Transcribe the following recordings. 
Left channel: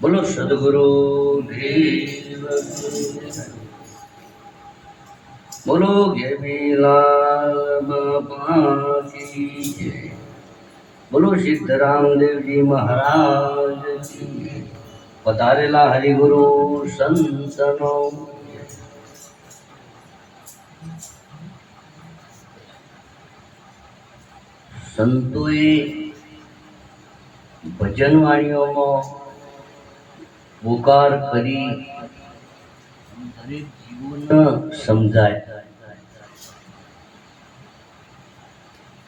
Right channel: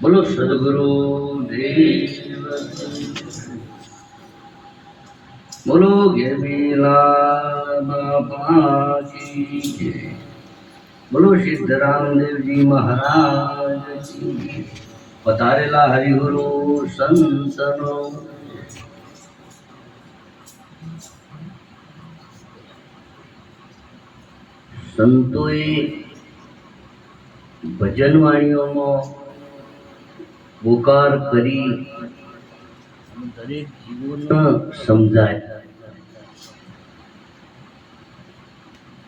બોલો સદગુરુ દેવ, બોલો ગેવીલાલ બાપા કી જય, બોલો સિદ્ધરામ દેવજી મહારાજ કી જય. પધારેલા હરિગુરુ સંતનો સંતોએ ભજન વાણીઓમાં પોકાર કરી દરેક જીવોને સમજાય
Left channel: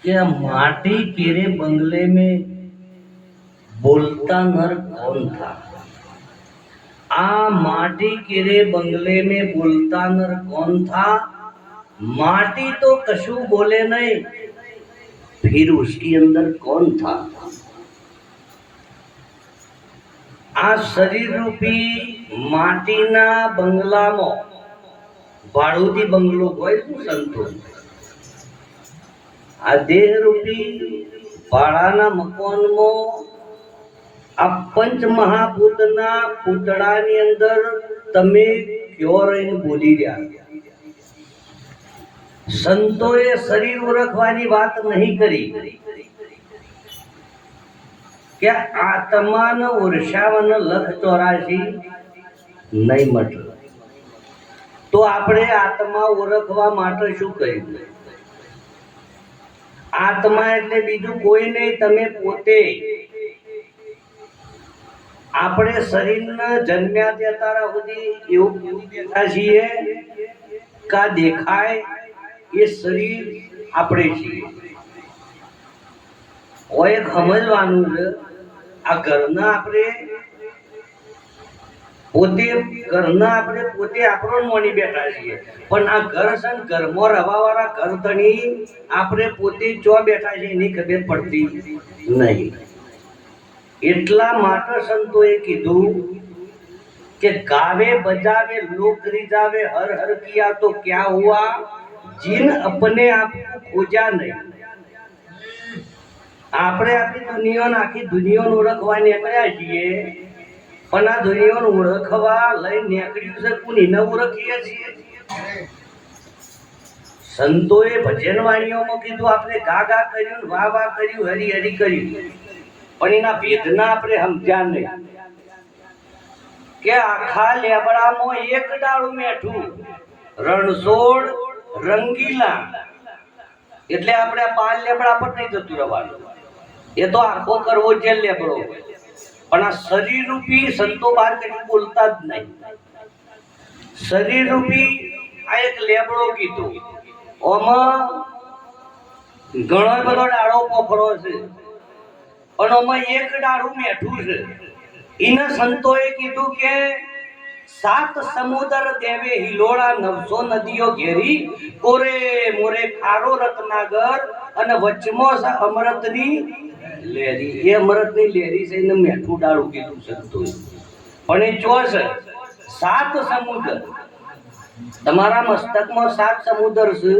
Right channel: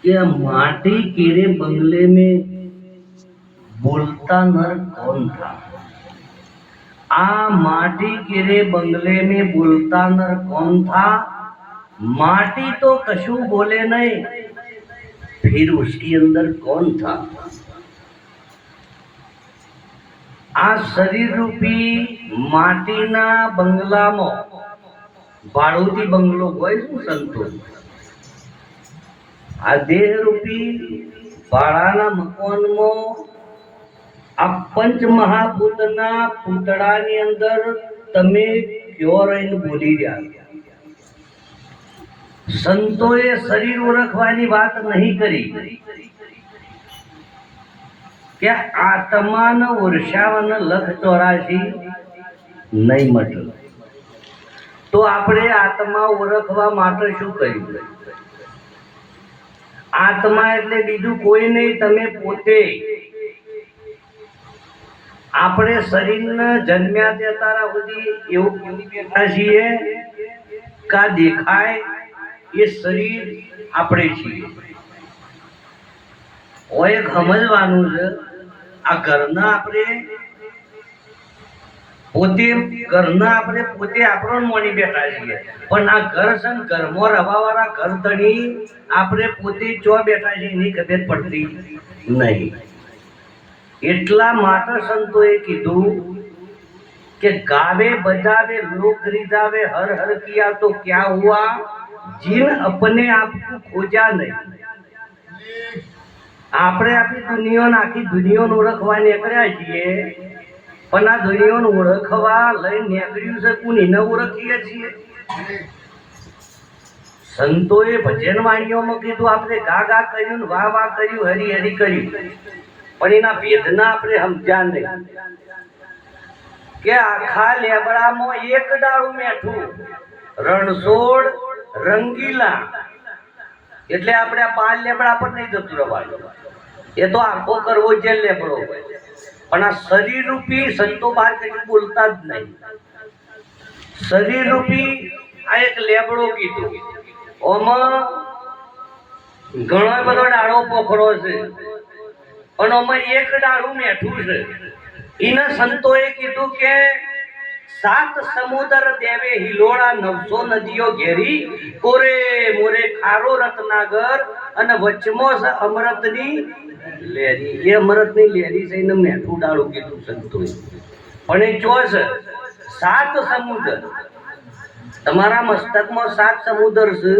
कि माटी केरे बंगले में बोलता नर कौन था। आ माटी केरे बंगले में बोलता नर कौन था। माटी तो कशु बोले नहीं, फिर उसके अंदर कौन था। आ शरीर रूपी माटीना बंगला में भाड़ूती बंगलो होय शू संतो। आ देह रूपी भाड़ाना मकाનમાં આ પંચ મહાભૂતના પૂતળાની અંદર તમે ક્યો રહીને બોલી રહ્યા। સંતોએ શરીર ઓળખવાની વાત નહીં કરી કે આત્માને ઓળખાવાના લખ 84 નહીં મટે। તો આપણે આત્મા ઓળખવા માટે શું કર્યું? આત્મા એટલે બીજું કોઈ નહીં, તમે પોતે। આપણે શરીરને જન્મ્યા ત્યારે સુધી એવું ભૂલી બેઠા છીએ કે દેખાય એ શરીર આપણે છીએ। ઓય સમજવાનું છે, આ ઘરના આપણે પોતે આપણો મોની બેઠા છીએ, પણ આ ઘર છે ને ઘરમાં રહેવાવાળા ઘર ધણી આપણે પોતે ચો બેઠા છીએ એની ખબર પડતી નહીં। એટલા માટે સંતોએ કીધું કે ગાવે બજાવે લોક रिजावे हर हर किया तो क्या हुआ, जिन अपने आप को खोजा नहीं। આપણે આપણી દુનિયાને આખી દુનિયાને ઓળખવા નીકળ્યા છીએ, પણ આ દુનિયાને ઓળખવા લઈને નીકળ્યું છે કોણ એને ઓળખીએ છીએ। સંતોએ ભજન વાણીઓમાં કીધું આપણે ગા ગા કર્યું, વાહ વાહ કર્યું, હરી હરી કર્યું, પણ એના ભેદના આપણે સમજ્યા નહીં કે આખા લેબડામાં એક ડાળું મેઠું રણછોડ રંગીલા, એટલે આપણે આ 5 લેબડા પર નહીં જતું રહેવાનું, એ તો આખો કરવો જે લેબડો હોય। પણ આ શરીર રૂપી સંતો બહાર કઈ બોલતા જ નહીં। શરીર રૂપી આ એક લેબડો કીધું, ઓમાં ઘણો બધો ડાળો પોખરો છે, પણ ઓમાં એક ડાળું મેઠું છે। એને સંતોએ કીધું કે 7 સમુદ્ર દેવે હિલોળા 900 નદીઓ ઘેરી, કોરે મોરે ખારો રત્નાગર, અને વચમાં છે અમૃતની લેરી। એ અમૃતની લેરી છે એને મેઠું ડાળું કીધું સંતોએ। પણ એ ચો છે 7 સમુદ્ર, તમારા મસ્તકમાં 7 સમુદ્ર છે,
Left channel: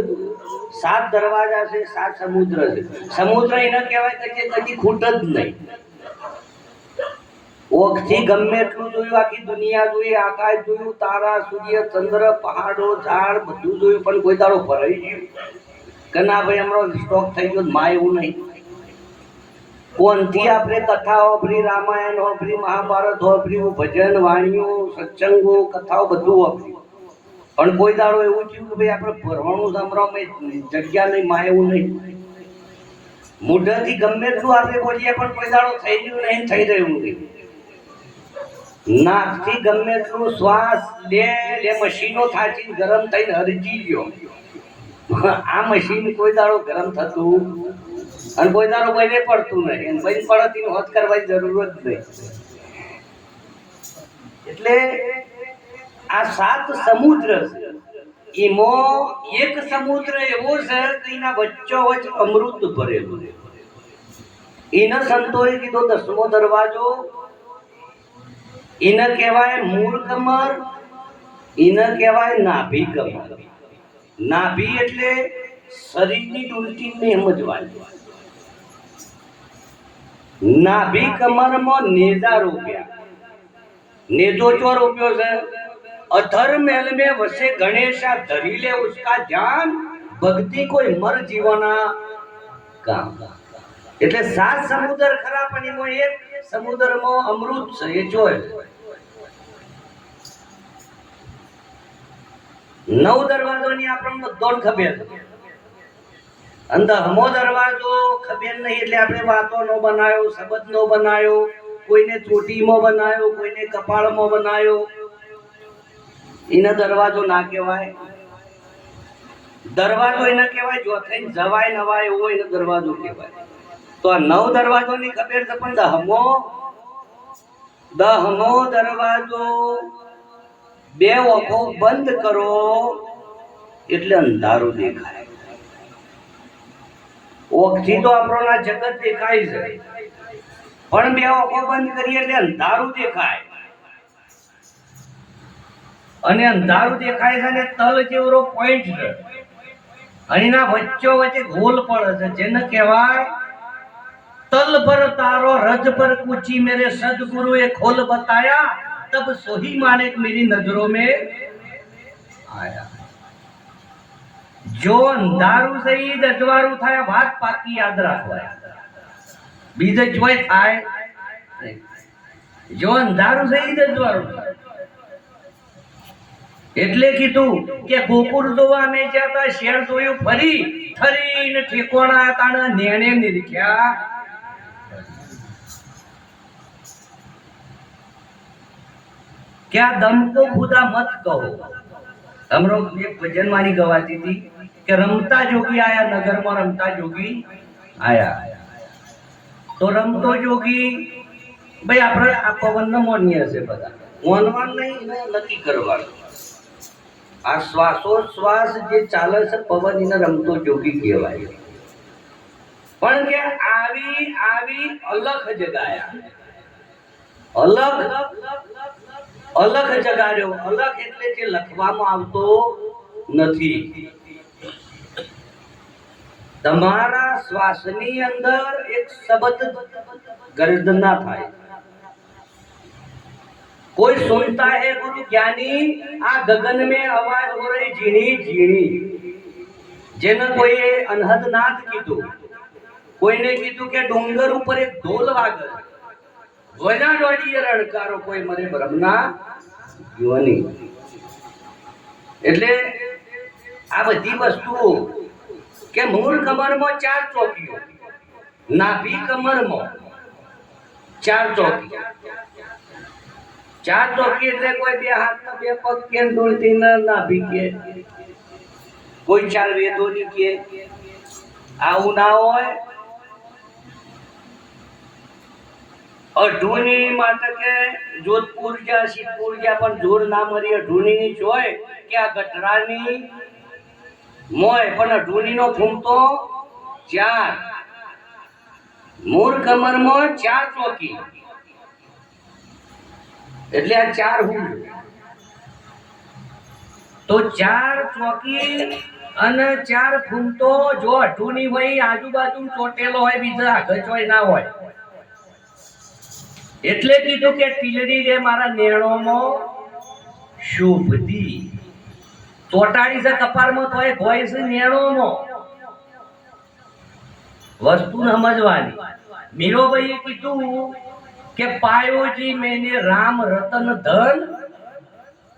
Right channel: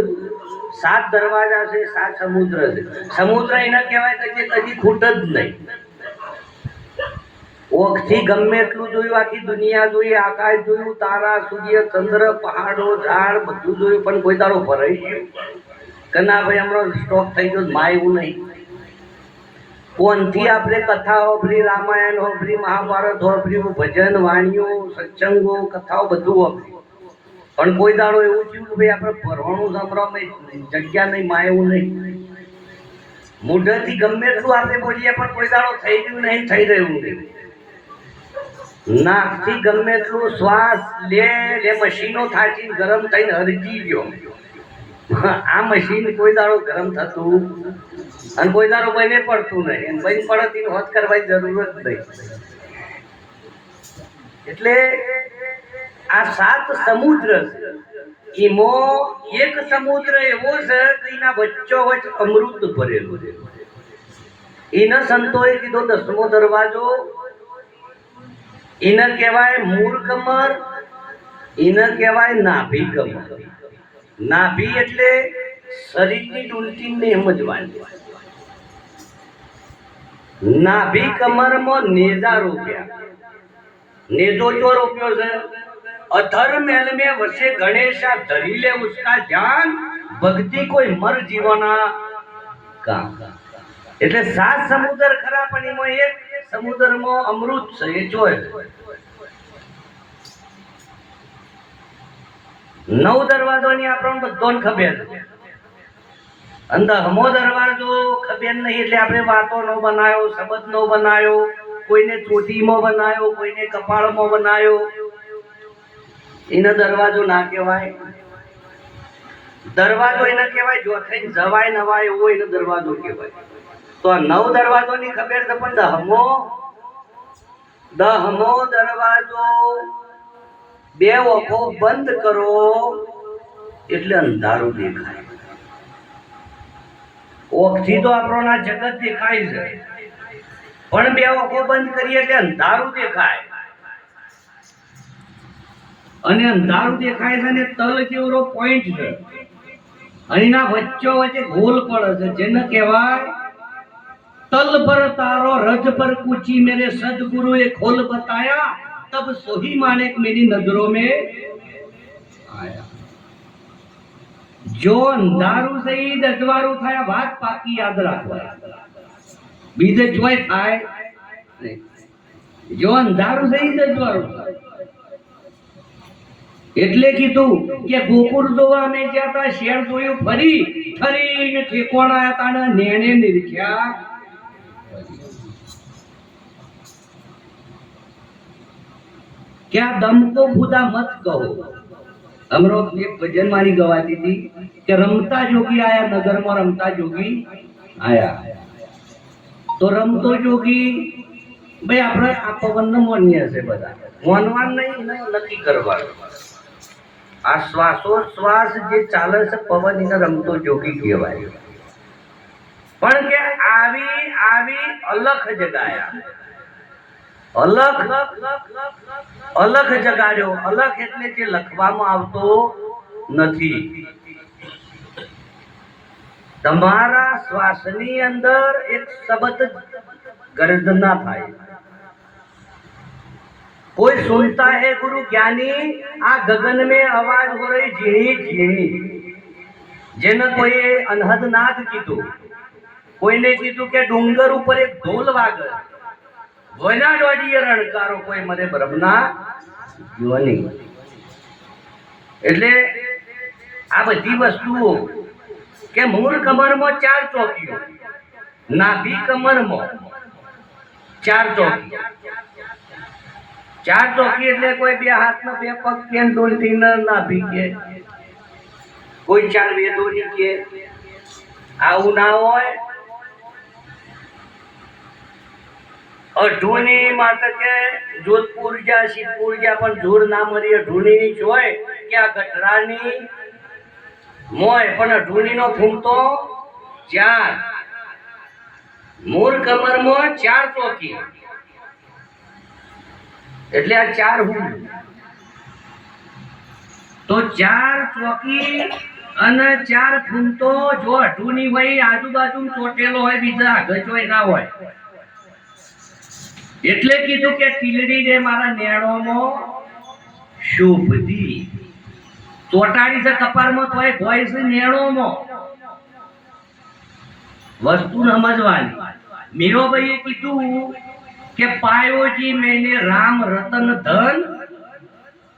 7 દરવાજા છે, 7 સમુદ્ર છે। સમુદ્ર એને કહેવાય કે કદી ખૂટ જ નહીં। ઓખથી ગમે એટલું જોયું, આખી દુનિયા જોઈ, આકાશ જોયું, તારા સૂર્ય ચંદ્ર પહાડો ઝાડ બધું જોયું, પણ કોઈ દાડો ભરાઈ ગયું કે ના ભાઈ અમારો સ્ટોક થઈ ગયો? માં એવું નહીં। કોનથી આપણે કથા હોભરી, રામાયણ હોભરી, મહાભારત હોભર્યું, ભજન વાણીઓ સત્સંગો કથાઓ બધું હોભર્યું, પણ કોઈ દાડો એવું થયું કે ભાઈ આપણે ભરવાનું સંભળાવ જગ્યા નહીં, માં એવું નહીં। મોઢાથી ગમે એટલું આપણે બોલીએ પણ કોઈ દાડો થઈ રહ્યું નહીં, થઈ રહ્યું નહીં। નાકથી ગમે એટલું શ્વાસ લે મશીનો થાચી ગરમ થઈને હરજી ગયો, આ મશીન કોઈ દાડો ગરમ થતું અને કોઈ દાડો બને પડતું નહીં, અને બની પડતી હોત કરવાની જરૂર જ નહીં। એટલે આ 7 સમુદ્ર છે, એમાં એક સમુદ્ર એવો છે કે એના વચ્ચોવચ અમૃત ભરેલું છે। એને સંતોએ કીધો 10મો દરવાજો, એને કહેવાય મૂળ કમર, એને કહેવાય નાભી કમર। નાભી એટલે શરીરની ડુલટીને સમજવાની। નાભી કમરમાં નેજા રૂપ્યા, नेजो चो रोप्यो छे अधर मेल में वसे गणेशा धरी ले उसका ध्यान भक्ति कोई मर जीवना काम એટલે સાત સમુદ્ર ખરા પણ એમાં એક સમુદ્રમાં અમૃત છે એ જોય નવ દરવાજોની આપણને બધાને ખબર અંદર હમો દરવાજો ખબર નહીં એટલે આપણે વાતો નો બનાયો શબ્દ નો બનાયો કોઈને ચોટીમાં બનાયો કોઈને કપાળમાં બનાયો એને દરવાજો ના કહેવાય દરવાજો એને કહેવાય જો થઈને જવાય નવાય એવો એને દરવાજો કહેવાય તો આ નવ દરવાજોની ખબર છે પણ દહમો દરવાજો બે ઓખો બંધ કરો એટલે અંધારું દેખાય ઓખથી તો આપણો જગત દેખાય છે પણ બે ઓખો બંધ કરીએ એટલે અંધારું દેખાય અને અંધારું દેખાય છે ને તલ જેવરો પોઈન્ટ છે અને એના વચ્ચો વચ્ચે ગોલ પડે છે જેને કહેવાય तल पर तारो रज पर कुची मेरे सदगुरु ए खोल बताया तब सोही माने मेरी नजरों में आया जो अंधारू सही अजवारू थाया बात पाकी याद રાખવા બીજે જોય થાય જો અંધારું સહી અજવાળું એટલે કીધું કે ગોકુળ જોવા મે જતા શેર જોયું ફરી ફરીને ઠેકોણા તાણે નેણે નિરખ્યા क्या दम को खुदा मत कहो हम लोग एक भजन मारी गवाती थी कि रमता जोगी आया नगर में रमता जोगी आया तो रमतो जोगी भाई આપણે આ પવનનો મોનિય છે બધા મોનવાન નહીં નક્કી કરવાનું આ શ્વાસોશ્વાસ જે ચાલે છે પવન એને રમતો જોગી કહેવાય પણ કે આવી આવી અલખ જગાયા अलग अलग जगाड्यो अलग એટલે જે લખવામાં આવતો નથી તમારા શ્વાસની અંદર એક શબ્દ गर्जना થાય कोई सुनता है गुरु ज्ञानी आ गगन में आवाज हो रही झीणी झीणी જેને કોઈ અનહદ નાદ કીધું કોઈને કીધું કે ડુંગર ઉપર એક ઢોલ વાગે વના દોડીએ રણકારો કોઈ મરે બ્રહ્મના જીવની એટલે આ બધી વસ્તુઓ કે મૂળ કમરમાં ચાર ચોકીઓ નાભી કમરમાં ચાર ચોકી એટલે કોઈ બે હાથમાં બે પગ કે ડોલતી નાભી કે કોઈ ચાર વેદોની કે આવું ના હોય અઢૂની માતા કે જોધપુર જા શિવપુર જા પણ જોર ના મરી અઢૂની ની જોય કે આ ગઢરાની મોય પણ અઢૂની નો ફૂમતો ચાર મૂળ કમર માં ચાર ચોકી એટલે આ ચાર હું તો ચાર ચોકી અને ચાર ફૂમતો જો અઢૂની હોય આજુબાજુ ચોટેલો હોય બીજા આગળ હોય ના હોય એટલે કીધું કે ટીલડી રે મારા નેણોમાં શુભદી ચોટાડી છે કપારમાં તો એ હોય છે નેણોમાં વસ્તુ સમજવાની મીરોભાઈએ કીધું કે પાયોજી મેને રામ રતન ધન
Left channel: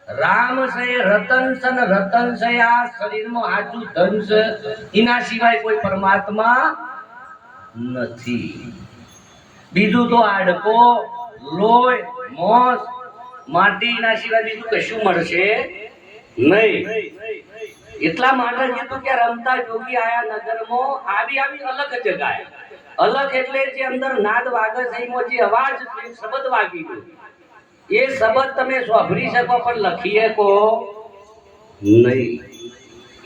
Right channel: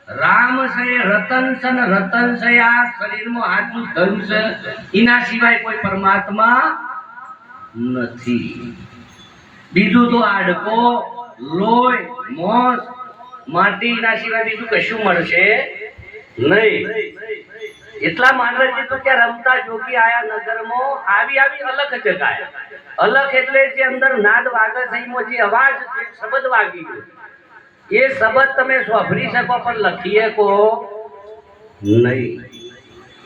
રામ છે રતન છે ને રતન છે આ શરીરમાં હાચું ધન છે એના સિવાય કોઈ પરમાત્મા નથી બીજું તો આડકો લોય મોસ માટીના સિવાય બીજું કશું મળશે નહીં એટલા માટે કીધું કે રમતા જોગી આયા નગરમાં આવી આવી અલગ જગાયા અલગ એટલે જે અંદર નાદ વાગે છે એમાં જે અવાજ શબ્દ વાગી ગયો એ શબ્દ તમે સાંભળી શકો પણ લખી શકો નહીં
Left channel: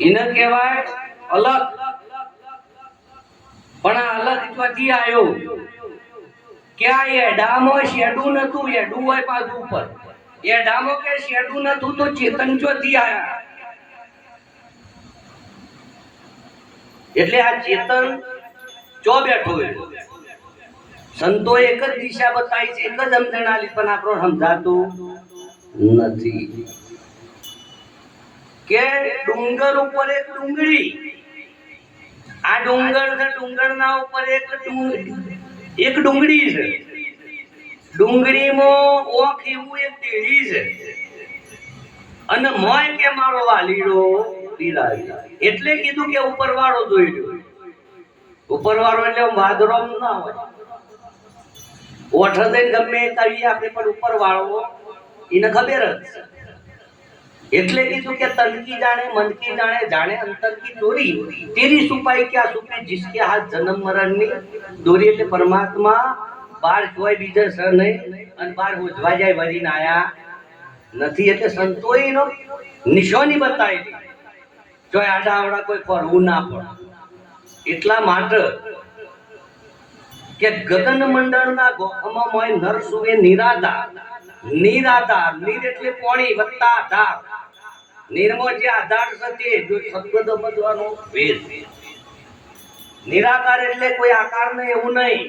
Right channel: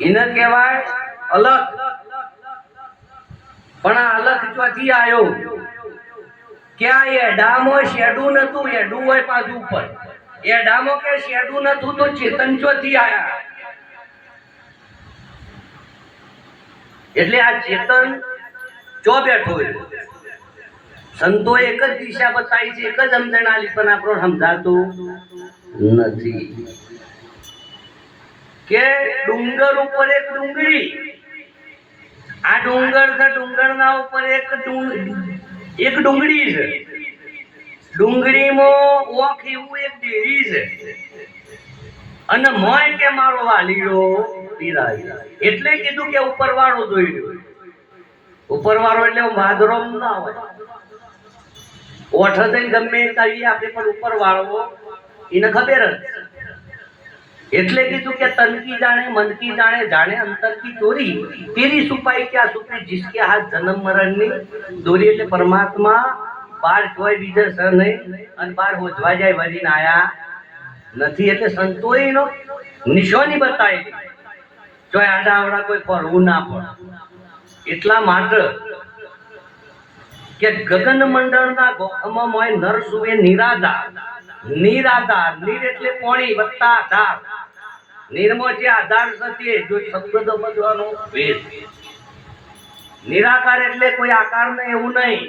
એને કહેવાય અલગ પણ આ અલગ ચોથી આવ્યો क्या एडामो शेडू नतु एडू होय पाछू ऊपर एडामो के शेडू नतु तो चेतन ચોથી આયા એટલે આ ચેતન ચો બેઠો હોય સંતોએ એક જ દિશા બતાવી છે, એક જ સમજણ આલી, પણ આપણને સમજાતું નથી કે ડુંગર ઉપર એક ડુંગળી, આ ડુંગર છે, ડુંગરના ઉપર એક ડુંગળી છે, ડુંગળીમાં ઓખ એવું એક દેડી છે, અને મોય કે મારો વાલીડો પીરાય, એટલે કીધું કે ઉપરવાળો જોઈ લો. ઉપરવાળો એટલે વાદરો ના હોય, ઓઠ દઈને ગમે કહીએ આપણે, પણ ઉપરવાળો એને ખબર જ. એટલે કીધું કે તનકી જાણે મનકી જાણે, જાણે અંતર કી ચોરી, તેરી છુપાઈ ક્યાં છુપી, जिसके हाथ जन्म मरण ની દોરી. એટલે પરમાત્મા બાર જોય બીજે સ નહીં, અને બાર હોજવા જાય વરીને આયા નથી. એટલે સંતોએ એનો નિશાની બતાવી, જો આડા આવડા કોઈ પડવું ના પડે. એટલા માટે કે ગગન મંડળના ગોખમાં મોય નર સુવે નિરાધાર. નિરાધાર, નીર એટલે પાણી વત્તા આધાર, નિર્મો જે આધાર છે, જો શબ્દ બદવાનો ભેદ. નિરાકાર એટલે કોઈ આકાર નહીં, એવું નહીં.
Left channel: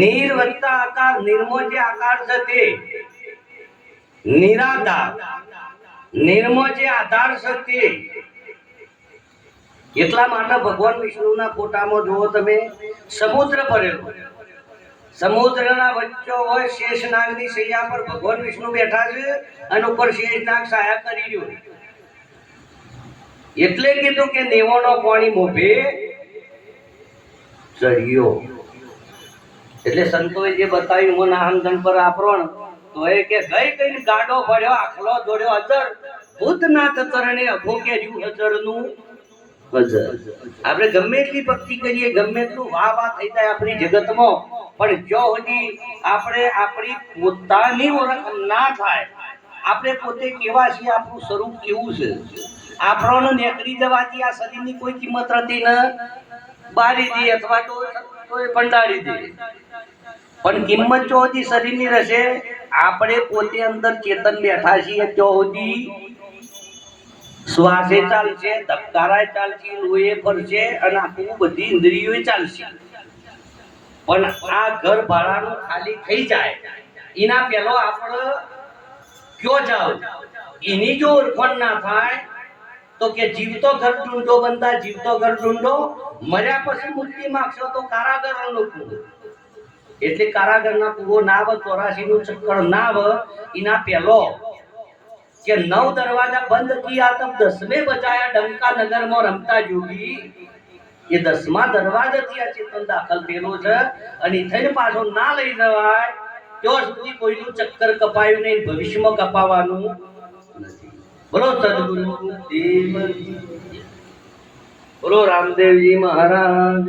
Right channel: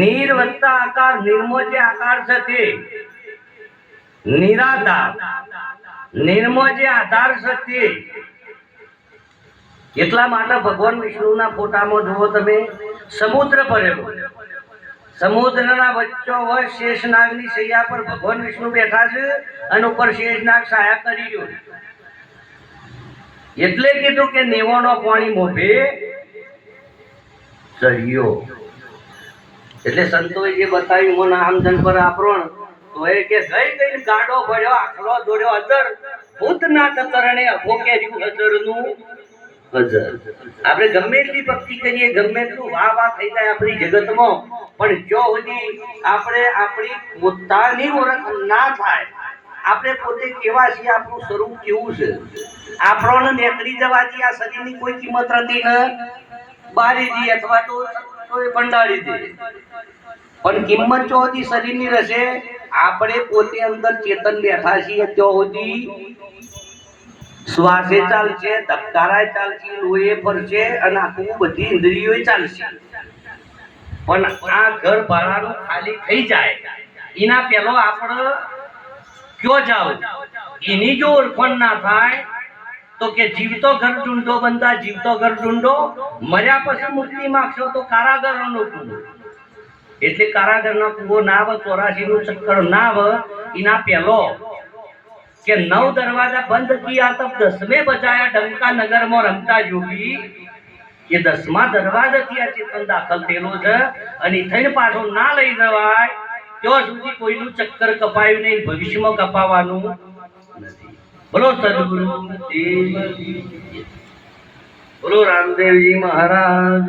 નીર વત્તા આકાર, નિર્મો જે આકાર છે તે નિરાધાર, નિર્મો જે આધાર છે તે. એટલા માટે ભગવાન વિષ્ણુના ફોટામાં જુઓ તમે, સમુદ્ર ભરેલો, સમુદ્રના વચ્ચો હોય શેષનાગની શૈયા પર ભગવાન વિષ્ણુ બેઠા છે, અને ઉપર શેષનાગ છાયા કરી રહ્યો. એટલે કીધું કે નેવાનો પાણી મોભે ચડ્યો. એટલે સંતોએ જે બતાવ્યું મને આમજન પર આપણ, તો એ કે ગઈ ગાડો ભર્યો, આખલો દોડ્યો અજર, ભૂતનાથ ચરણે અભો કે રહ્યું અજરનું અજર. આપણે ગમે એટલી ભક્તિ કરીએ, ગમે એટલું વાહ વાહ થઈ જાય આપણી જગતમાં, પણ જો સુધી આપણે આપણી પોતાની ઓળખ ના થાય, આપણે પોતે કેવા છીએ, આપણું સ્વરૂપ કેવું છે, આપણને નીકળી જવાથી આ શરીરની કોઈ કિંમત રહેતી ન, બારી દી અથવા તો ભંડારી દે, પણ કિંમત જો સુધી શરીરની રહેશે, આપણે પોતે અંદર ચેતન બેઠા છીએ ત્યાં સુધી શ્વાસે ચાલશે, ધબકારાય ચાલશે, લોહી ફરશે, અને આખું બધી ઇન્દ્રિયો ચાલશે. પણ આ ઘર ભાડાનું ખાલી થઈ જાય એના પહેલો આપણે ક્યો જાવ, એની જો ઓળખાણ ના થાય તો કે જીવતો ઘર ઢૂંઢો બંધા, જીવતો ઘર ઢૂંઢો, મર્યા પછી મુક્તિ માંગશો તો કારાગરનો કૂવો. એટલે કારાગરના કૂવો ના આવે, 84 નું ચક્કર ના આવે, એના પહેલો કે 9 દરવાજા બંધ કિયા તબ 10મેं બજાયા ડંકા નગરમાં રમતા જોગી. એ 10મા દરવાજાથી આ ચેતન દાખલ થયેલો છે, અને થઈને પાછો ના લઈ જવાય ત્યાં સુધી કોઈનું ચક્કર કપાયું નહીં, ભવિષ્યમાં કપાવાનું નથી. બોલો સદગુરુ દેવ, બોલો રામદેવજી મહારાજ.